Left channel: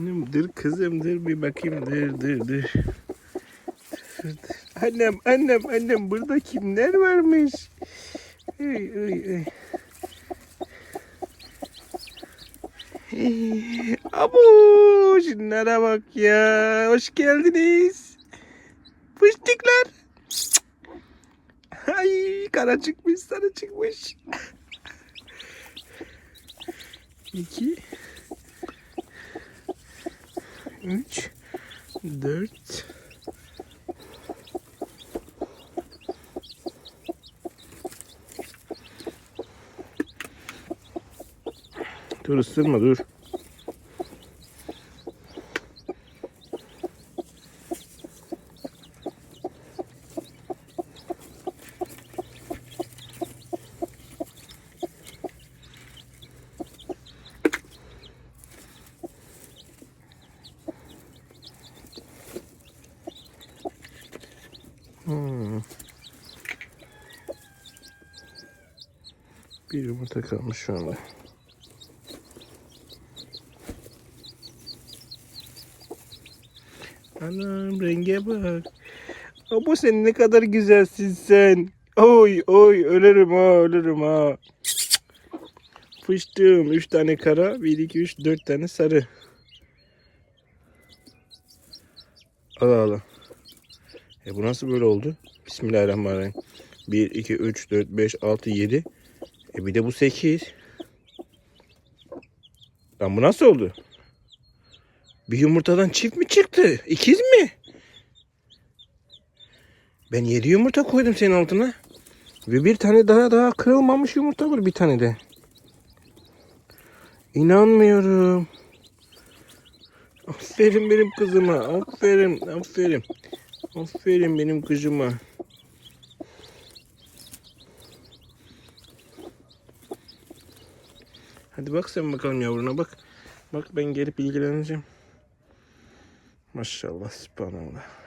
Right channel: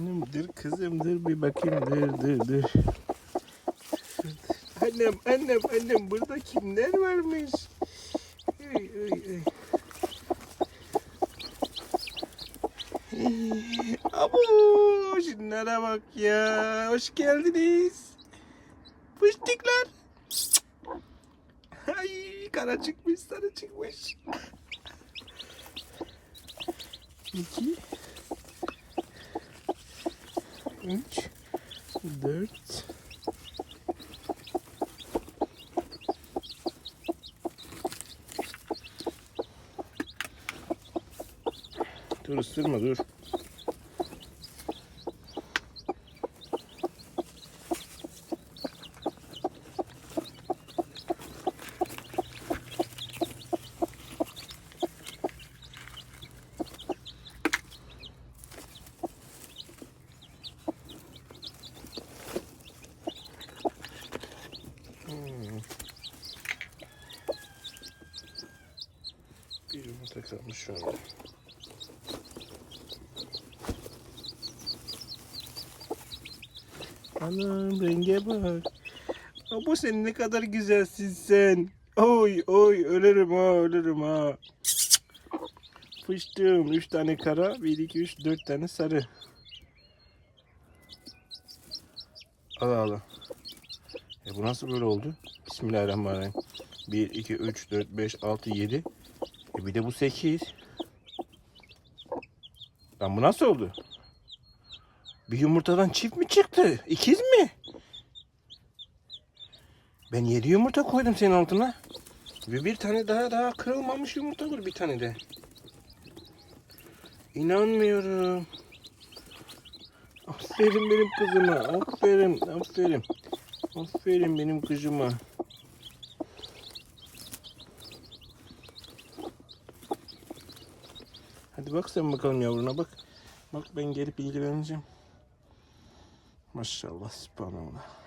Annem dur kızım dur bir bakayım dur dur dur. Annem annem annem burada kimler varmış? Ay, ay, ay. Abo şunlara bak ya. Hoş geldiniz. Fıştıklar. Ay kara çıkmış sarı çıkmış. İki. Üç. Dört. Dur ısırma dur. Bir yumurta kalmış şu anda. Anam renge bak. Abo sen ne kadar güzelsin sen. Oy oy ölürüm ha ölürüm ha. Fıştığım. Üç tane kara. Bir iki üç dört tane sarı. Allah Allah. E bu nasıl böyle oldu? Bismillahirrahmanirrahim. 1, 2, 3, 4, 5, 6, 7. E bir de bu 8. Lan bu nasıl oldu? Bir yumurtadan çift mi çıktı? İkiz mi? Ben 7 yumurta koydum senin altına. Ve bir tane daha daha kırılmamış yumurta var bir tane de. İnanmıyorum. Aferin benim kızıma. Aferin, aferin. Aferin benim kızıma. Hadi bak sen bakalım yavruna bak. Bak ben gelip ilgileneceğim. Maşallah, subhanallah.